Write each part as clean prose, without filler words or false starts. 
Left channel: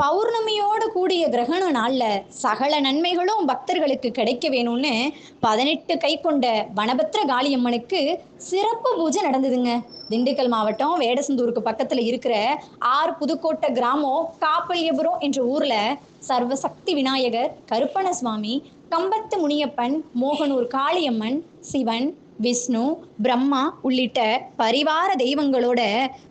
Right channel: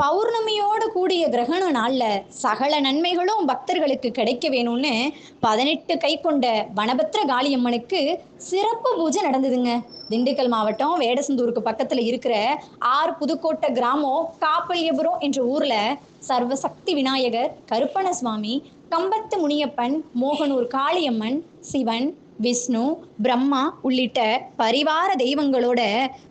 பௌர்ணமியோடு கூடிய கிரகண நாள்ல சகல நன்மைகளும் பக்தர்களுக்கு கிடைக்க வேணும்னு 18 கை கொண்ட வனபத்திர காளியம்மனுக்கு சிறப்பு பூஜை நடந்ததுங்க. திண்டுக்கல் மாவட்டம் வேடசந்தூருக்கு பக்கத்துல இருக்கிற புதுக்கோட்டை கிராமம் காப்பல்யபுரம் என்ற ஊர்ல சர்வசக்தி விநாயகர், கருப்பண சுவாமி, கம்பத்து முனியப்பன், மோகனூர் காளியம்மன், சிவன், விஷ்ணு, பிரம்மா உள்ளிட்ட பரிவார தெய்வங்களோட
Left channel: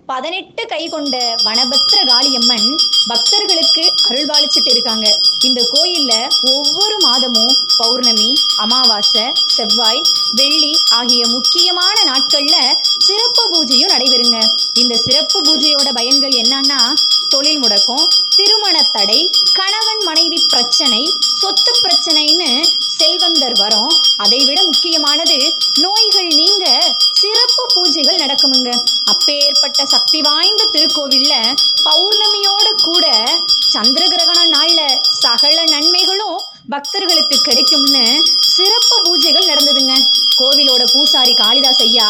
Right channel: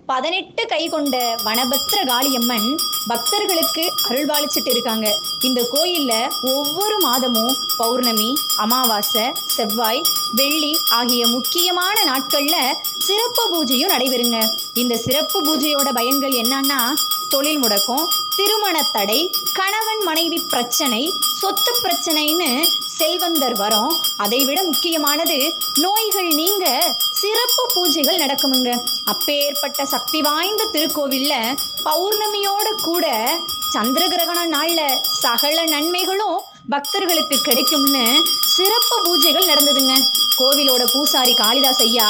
18 கை கொண்ட வனபத்திர காளியம்மன் பக்தர்களுக்கு அருள்பாலிச்சிட்டு இருக்காங்க. இந்த கோயில்ல ஒவ்வொரு மாதமும் பௌர்ணமி, அமாவாசை, செவ்வாய், வெள்ளி ஆகிய முக்கியமான நாட்கள்ல சிறப்பு பூஜையும் நடைபெறுங்க. இந்த சிறப்பு பூஜையோட பயன்கள் என்னன்னா, தொழில் முடக்கம், திருமண தடை, கணவன் மனைவி பிரச்சனை, சொத்து பிரச்சனைன்னு செல்வந்தர் வரும். அதைவிட முக்கியமானது நோய்கள் நீங்க சிறப்பு பூஜைகள் நடக்குமுங்க. அப்பேற்பட்ட சக்தி வாய்ந்த திருக்கோவில்ல பௌர்ணமியோட கூட சந்திர கிரகண நாள்ல சகல நன்மைகளும் பக்தர்களுக்கு கிடைக்கும்னு சிறப்பு பூஜைகள் நடந்ததுங்க. கோவிலோட பூசாரி காளிதாஸ் ஐயா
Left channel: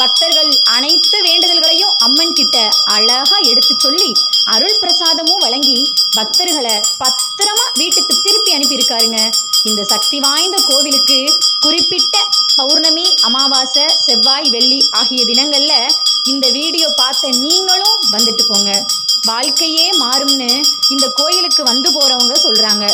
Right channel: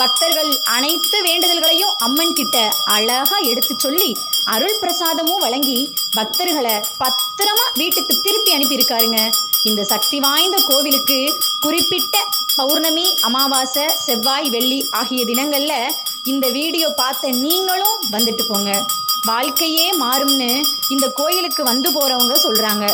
பக்தர்கள் அனைத்து வேண்டுதல்களையும் அம்மன் கிட்ட அழகா எடுத்து சொல்லி அருள் பிரசாதமும் வழங்கி பக்தர்களை பத்திரமா வீட்டுக்கு திருப்பி அனுப்பியிருக்காருங்க. இந்த சக்தி வாய்ந்த கோவிலுக்கு குறிப்பிட்ட பௌர்ணமி, அமாவாசை, செவ்வாய், வெள்ளி ஆகிய தினங்கள்ல இந்த வீடியோ பார்த்த நீங்களும் வந்துட்டு போங்க. வாழ்க்கையே மாறும்னு இந்த கோயிலுக்கு வந்து போறவங்க சொல்றாங்க.